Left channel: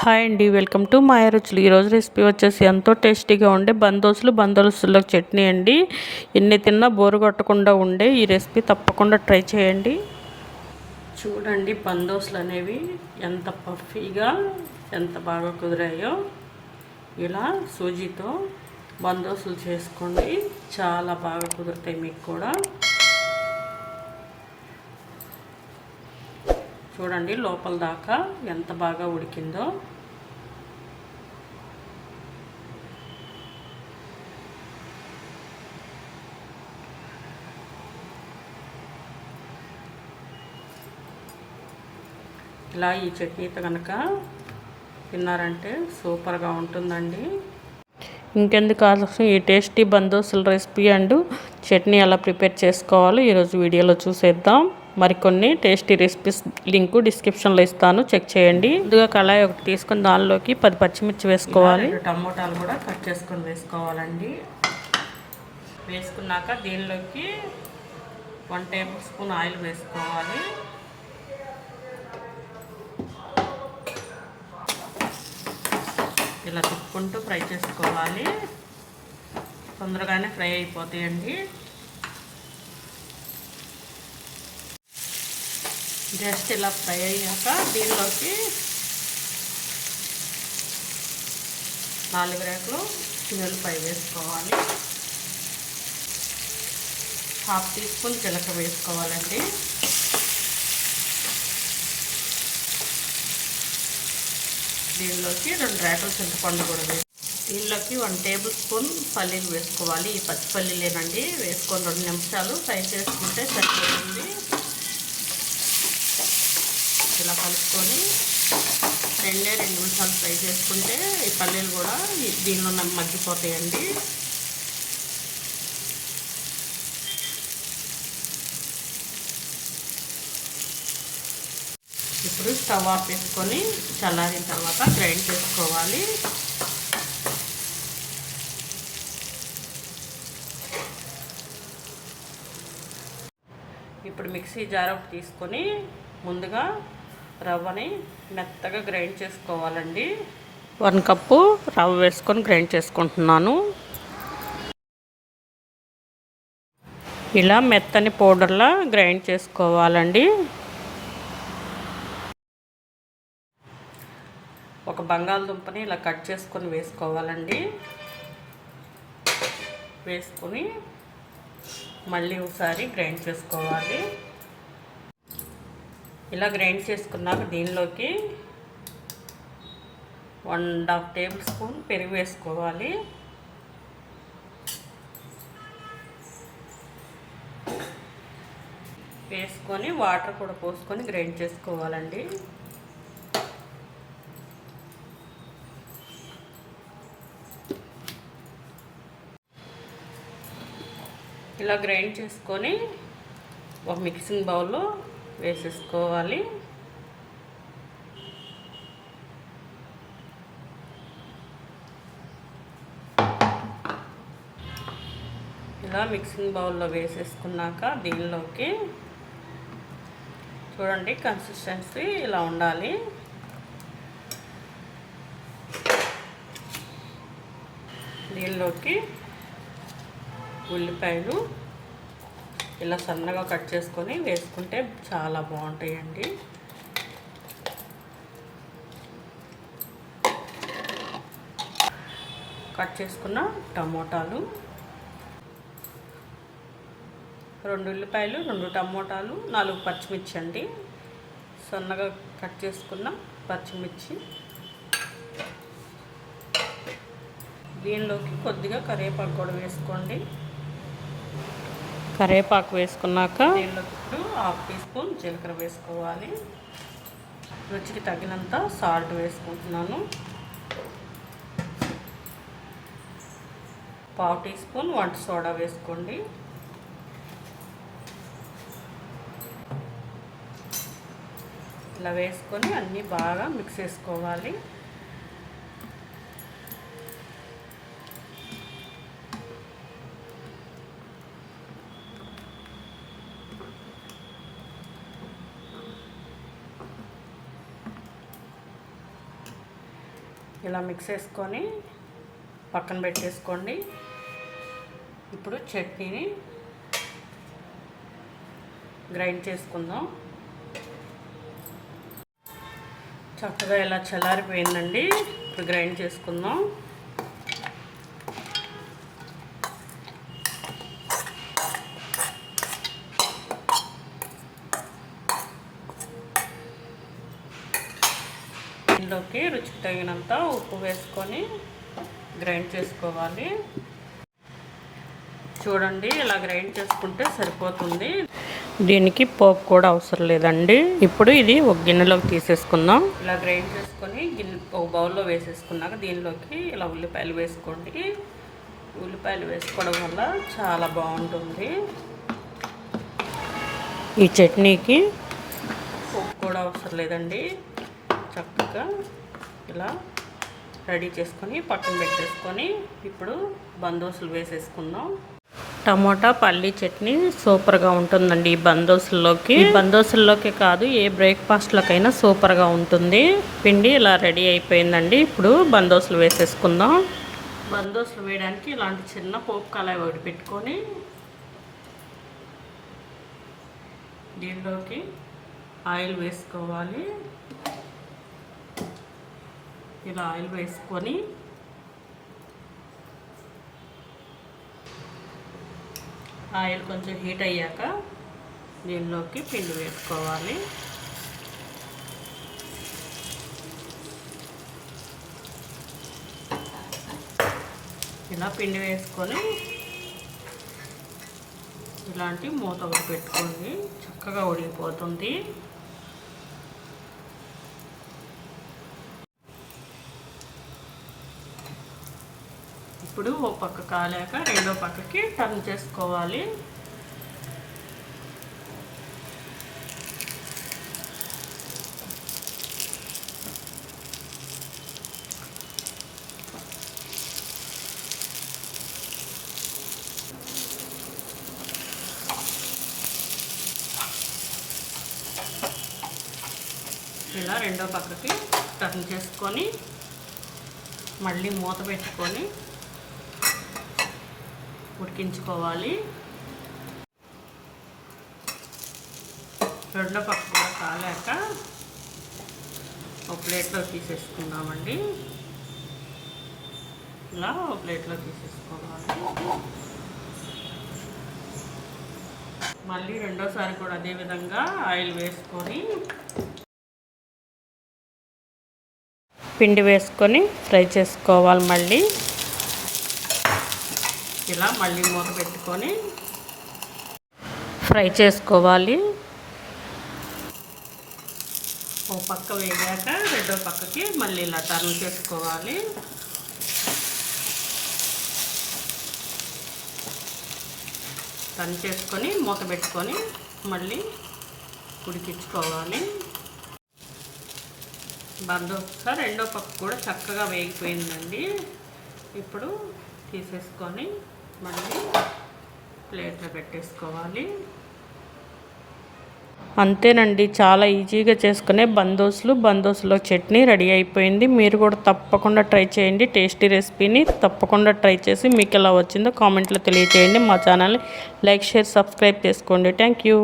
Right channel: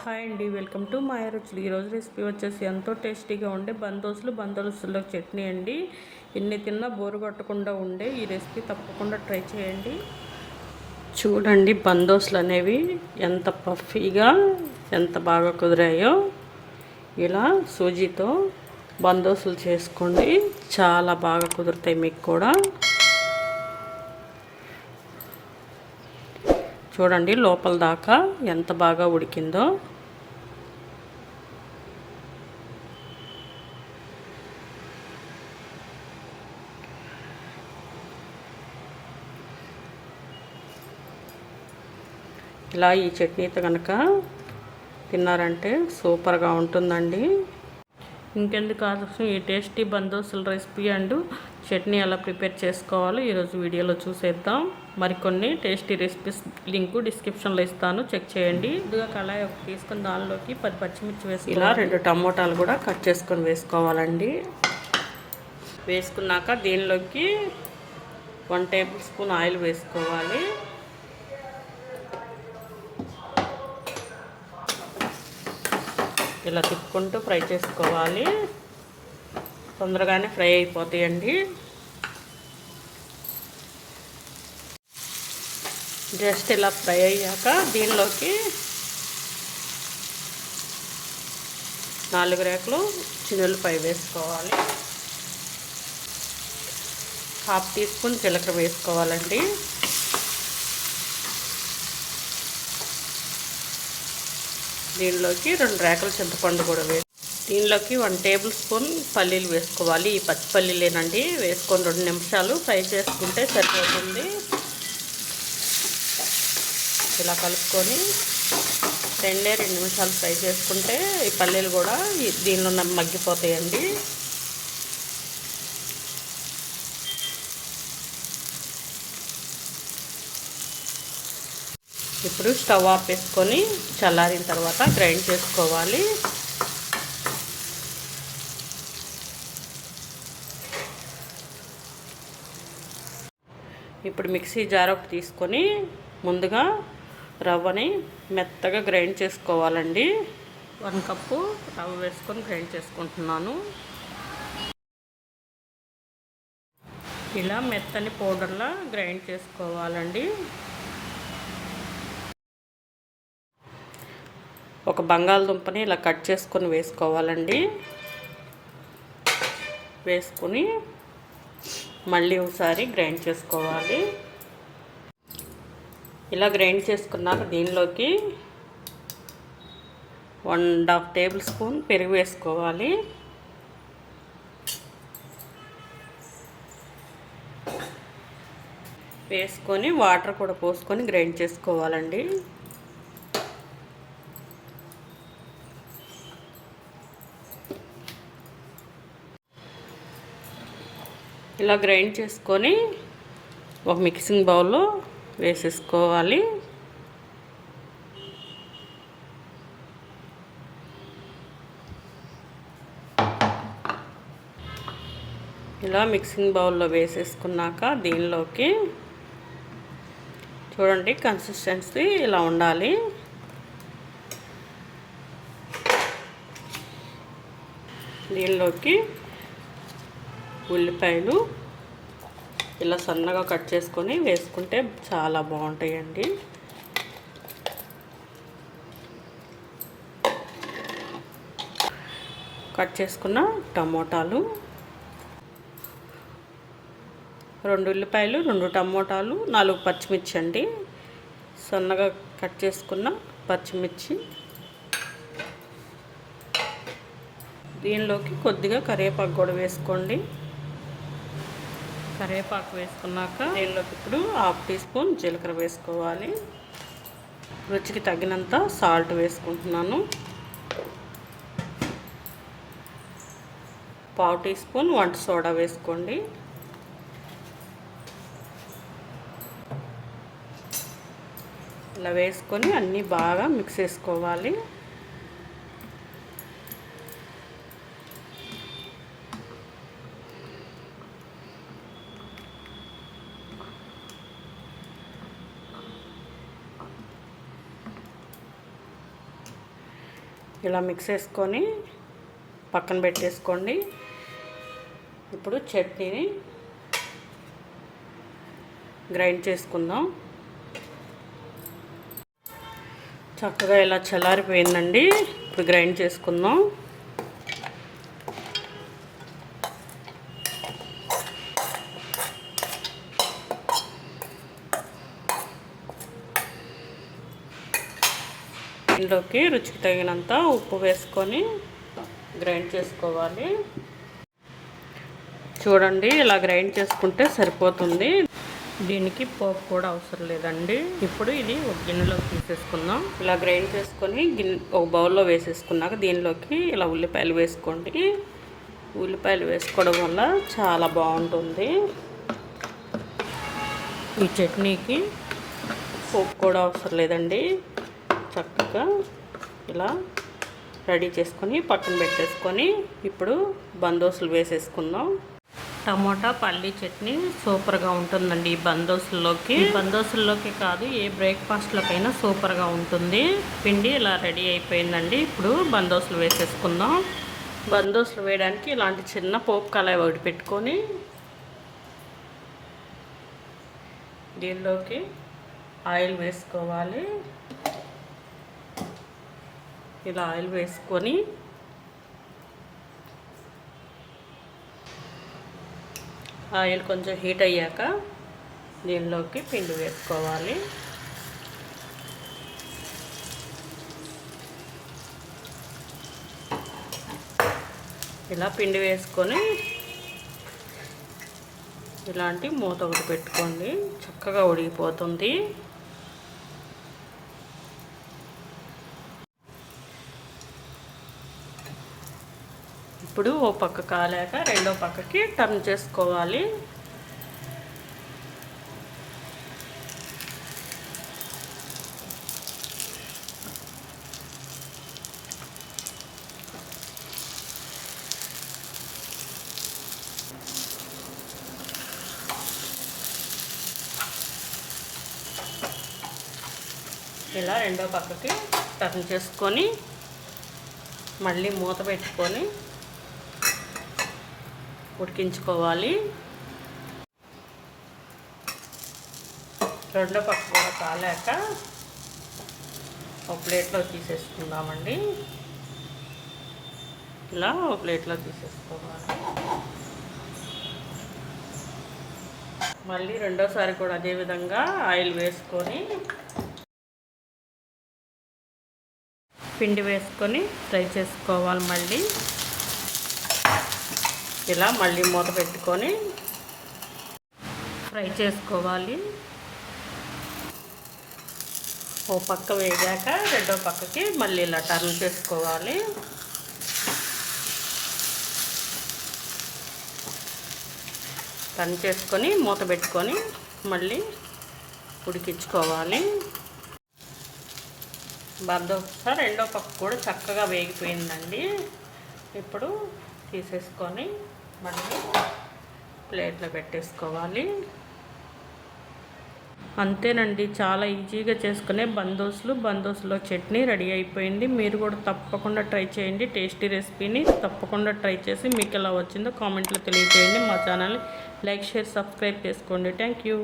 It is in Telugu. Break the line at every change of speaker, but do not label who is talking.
హాయ్ అండి వెల్కమ్ టు మాయ రుచులు. ఈరోజు రెసిపీ వచ్చేసి ఎంతో టేస్టీగా ఉండే బందోసులు బందోసుల్లో చట్నీ అండి. ఎన్ని తిన్నా బోరు కొట్టకుండా ఉండే ఈ రెసిపీ తప్పకుండా ట్రై చేయండి. చూడండి బందోసులు అనేవి ఎంత పఫీగా ఎంత బాగా కుదిరాయో. ఇలా సూజీతో బందోసులు చేసుకోండి. చాలా బాగా కుదురుతాయి మీకు కూడా. చూడండి లోపల దాకా ఎంత బాగా ఉడికిందో. ఇలా ఈ చట్నీతో కనుక తిన్నారంటే సూపర్గా ఉంటుందండి. ఇంకెందుకు ఆలోచన ఈ టేస్టీ బందోసుల రెసిపీ అండ్ చట్నీ ఎలా ప్రిపేర్ చేసుకోవాలో ఈరోజు వీడియోలో చూసేద్దాం. మరికొన్ని టేస్టీ రెసిపీస్ లింక్ డిస్క్రిప్షన్లో ఇస్తాను. చెక్ చేయండి. ముందుగా కళాయి ఒకటి తీసుకొని దానిలోకి పది పచ్చిమిర్చి వేసుకోవాలి. రెండు టమోటాలు కూడా కట్ చేసుకొని వేసుకోవాలండి. వేసుకున్నాక దీనిలోకి వన్ టేబుల్ స్పూన్ ఆయిల్ వేసుకోవాలి. ఇలా తిప్పుకుంటూ ఫ్రై చేసుకోవాలి. తొందరగానే ఫ్రై అయిపోతాయండి. జస్ట్ ఇలా ఫ్రై అయ్యాక దీనిలోకి నాలుగు రేకులు చిన్నులపై వేసుకోవాలి. హాఫ్ టీ స్పూన్ జీలకర్ర వేసుకోవాలండి. దీనిలోకి రెండు రేకులు చింతపండు కూడా వేసి దీనిలోకి వన్ టేబుల్ స్పూన్ పల్లీలు వేసుకోవాలి. ఈ పచ్చి పల్లీలేనండి. వేసుకొని రెండు నిమిషాలు ఫ్రై చేసుకుంటే సరిపోతుంది. ఇలా కలుపుకొని రెండే రెండు నిమిషాలు ఫ్రై చేసుకుంటే ఈ పల్లీలు కూడా దీనిలో మగ్గిపోతాయండి. ఇప్పుడు స్టవ్ ఆఫ్ వేసుకొని చల్లారిన తర్వాత గ్రైండ్ చేసుకోవాలి. ఇప్పుడు మిక్సీ జార్ ఒకటి తీసుకొని ముందుగా రవ్వని మెత్తగా గ్రైండ్ చేసుకోవాలండి. వన్ కప్పు రవ్వ వేసుకొని గ్రైండ్ చేసుకుంటున్నాను. ఇలా మెత్తని పౌడర్లా గ్రైండ్ చేసుకోవాలండి. ఒక బంగాళదుంపని ఇలా కట్ చేసుకొని వేసుకోవాలండి. వేసుకొని మళ్ళీ ఒకసారి గ్రైండ్ చేసుకోవాలి. ఇలా గ్రైండ్ చేసుకున్నాక దీనిలోకి one and half tablespoon పెరుగు వేసుకోవాలి. వేసుకొని వాటర్ కూడా పోసుకొని గ్రైండ్ చేసుకోవాలండి. ఇలా గ్రైండ్ చేసుకొని ఒక మిక్సింగ్ బౌల్లో వేసేసుకోవాలి. ఇలా మిక్సింగ్ బౌల్లో వేసేసుకున్నాక దీనిలోకి చూడండి కన్సిస్టెన్సీ ఇలా ఉండాలి. దీనిలోకి ఉల్లిపాయలు ఇలా సన్నగా కట్ చేసుకొని వేసుకుంటే చాలా బాగుంటాయండి. కట్ చేసుకున్న టమోటాలు రెండు ఉల్లిపాయలు రెండు టమోటాలు నాలుగు పచ్చిమిర్చి అండి. సన్నగా కట్ చేసుకున్న పచ్చిమిర్చి. దీనిలోకి కొద్దిగా కరివేపాకు కూడా వేసుకోండి. కరివేపాకు వేసుకున్నాక దీనిలోకి ఇప్పుడు హాఫ్ టీ స్పూన్ జీలకర్ర వేసుకోవాలి. రుచికి తగినంత సాల్ట్ వేసుకుంటున్నాను. పావు టీ స్పూన్ వంట సోడా వేసుకోండి. ఇలా వేసుకొని అన్నీ బాగా మిక్స్ చేసుకోవాలి. ఇలా మిక్స్ చేసుకొని పక్కన పెట్టేసుకోండి. ఇప్పుడు చట్నీని గ్రైండ్ చేసుకుందాం. చక్కగా ఇలా చల్లారిపోయిందండి. ఇప్పుడు గ్రైండ్ చేసుకుందాం. దీనిలోకి రుచికి తగినంత ఉప్పు వేసుకొని గ్రైండ్ చేసుకోవాలి. చూడండి ఇలా గ్రైండ్ చేసుకుంటే సరిపోతుంది. దీనికి పోపు కూడా అవసరం లేదండి. ఇప్పుడు ఇది ఒక గిన్నెలోకి తీసేసుకుందాం. ఇలా గ్రైండ్ చేసుకొని గిన్నె ఒక బౌల్లో వేసేసుకున్నాక దీనిలోకి ఇలా ఉల్లిపాయలు వేసుకోండి. ఉల్లిపాయలు వేసుకోవడం వల్ల చాలా బాగుంటుంది. ఈ చట్నీకి పోపు కూడా అవసరం లేదండి. చక్కగా ఇలా రెడీ చేసుకొని పక్కన పెట్టేసుకొని ఇప్పుడు బందోసులు వేసేసుకుందాం. టమోటా పల్లీ చట్నీ సూపర్గా ఉంటుందండి ఈ బందోసుల్లోకి. బందోసుల్లోకి కాదు ఏ బ్రేక్ఫాస్ట్లకైనా సూపర్గా ఉంటుంది. పిండి ఇలా రెడీ అయిపోయిందండి. ఇప్పుడు బందోసులు వేసేసుకుందాం. బందోసులు వేయడానికి ఇలాంటి చిన్న పోపు కళాయి ఒకటి పెట్టుకొని దీనిలోకి ఆయిల్ వేసుకోవాలి. ఇలా ఆయిల్ వేసుకొని ఆయిల్ కొంచెం హీట్ అయ్యాక దీనిలోకి పిండి వేసుకోవాలి. ఇలా పిండి వేసుకొని ఇలాంటి మూత పెట్టుకోండి. చక్కగా ఉడికిపోతుంది. ఇప్పుడు ఓ పక్క కాలాక రెండో పక్కకి టర్న్ చేసుకోవాలి. ఇలా రెండో పక్కకి టర్న్ చేసుకొని మళ్ళీ మూత పెట్టుకొని ఉడికించుకోవాలి. రెండో పక్క కూడా కాలేక ఒక ప్లేట్లో తీసేసుకుందామండి. ఇలా ఒక ప్లేట్లో తీసేసుకోవాలి. మళ్ళీ రెండోసారి కూడా అదేవిధంగా ఆయిల్ వేసుకొని పిండి వేసుకొని ఫ్రై చేసుకోవాలి మళ్ళీ. ఇలా మళ్ళీ మూత పెట్టుకొని ఫ్రై చేసుకోవాలి. ఓ పక్క వేగాక రెండో పక్కకి మళ్ళీ ఇలా టర్న్ చేసుకోవాలి. టర్న్ చేసుకొని మూత పెట్టుకొని మళ్ళీ ఉడికించుకోవాలి. బద్దొక్క రెండో పక్క కూడా చక్కగా వేగిపోయిందండి. ఇప్పుడు తీసేసుకొని మళ్ళీ ప్లేట్లో పెట్టేసుకోవాలి. అంతేనండి చాలా ఈజీగా చేసుకునే బందోసులు బందోసులో చట్నీ రెడీ అయిపోయింది. మీరు కూడా తప్పకుండా ట్రై చేయండి టేస్టీ రెసిపీని తప్పకుండా ట్రై చేసి మీకు ఎలా వచ్చిందో కామెంట్లో తెలియజేయండి మా ఛానల్ని లైక్ షేర్ సబ్స్క్రైబ్ చేసుకోండి. Thank you.